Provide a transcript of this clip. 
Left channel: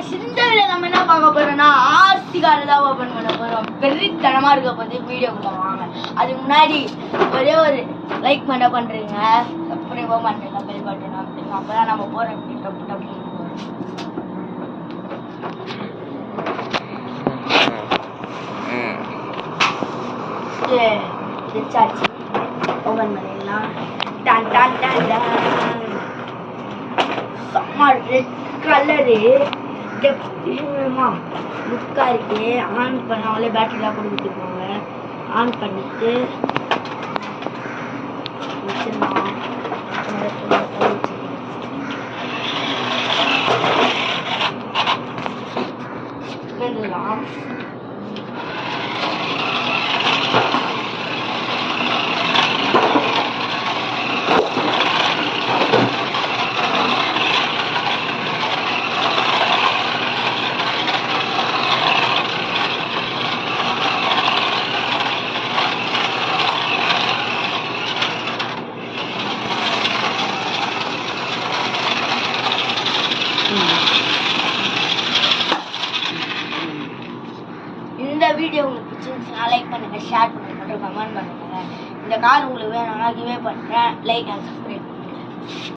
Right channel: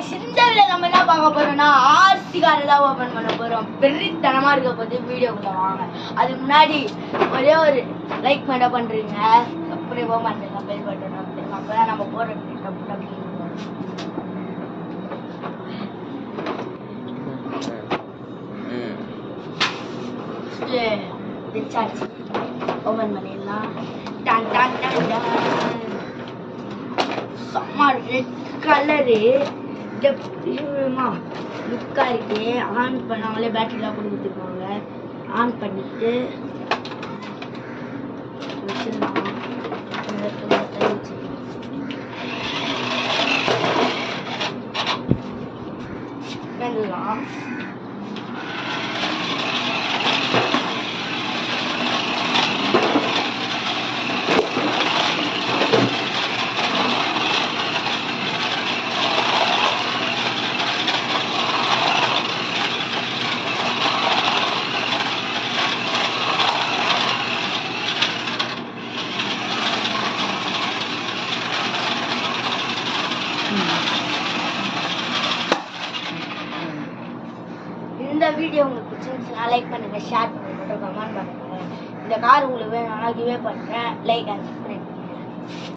Guys இந்த video நம்ம என்ன பார்க்க போறோம்னா ஆர்சி கார் தான் ஓபன் பண்ண போறோம். வெறித்தனமா இருக்க போது வீடியோக்குள்ள வாங்க. அதுக்கு முன்னாடி ஒரே ஒரு லைக் பண்றீங்க, சப்ஸ்கிரைப் பண்றீங்க, பெல் பட்டன் அப்படிங்க. அப்பதான் நம்ம போற டப் டப் சாச்சி ஓபன் பண்ணிடலாம். டான் டான் டான் டான். செம்ம ரெட் கலரு லுக்கா இருக்கு. ஆன் பண்ணாமலே பேட்டரிலாம் கொடுத்துருப்பாங்க. ஆன் பண்ணிட்டு வச்சிடலாம். இந்த வீடியோ உங்களுக்கு பிடிச்சிருந்துச்சுன்னா லைக் பண்ணுங்க, ஷேர் பண்ணுங்க, கமெண்ட் பண்ணுங்க. இந்த கார் உங்களுக்கு வேணும்னா கிவே பண்ணுங்க, லைக் அண்ட் சப்ஸ்கிரைப் பண்ணுங்க.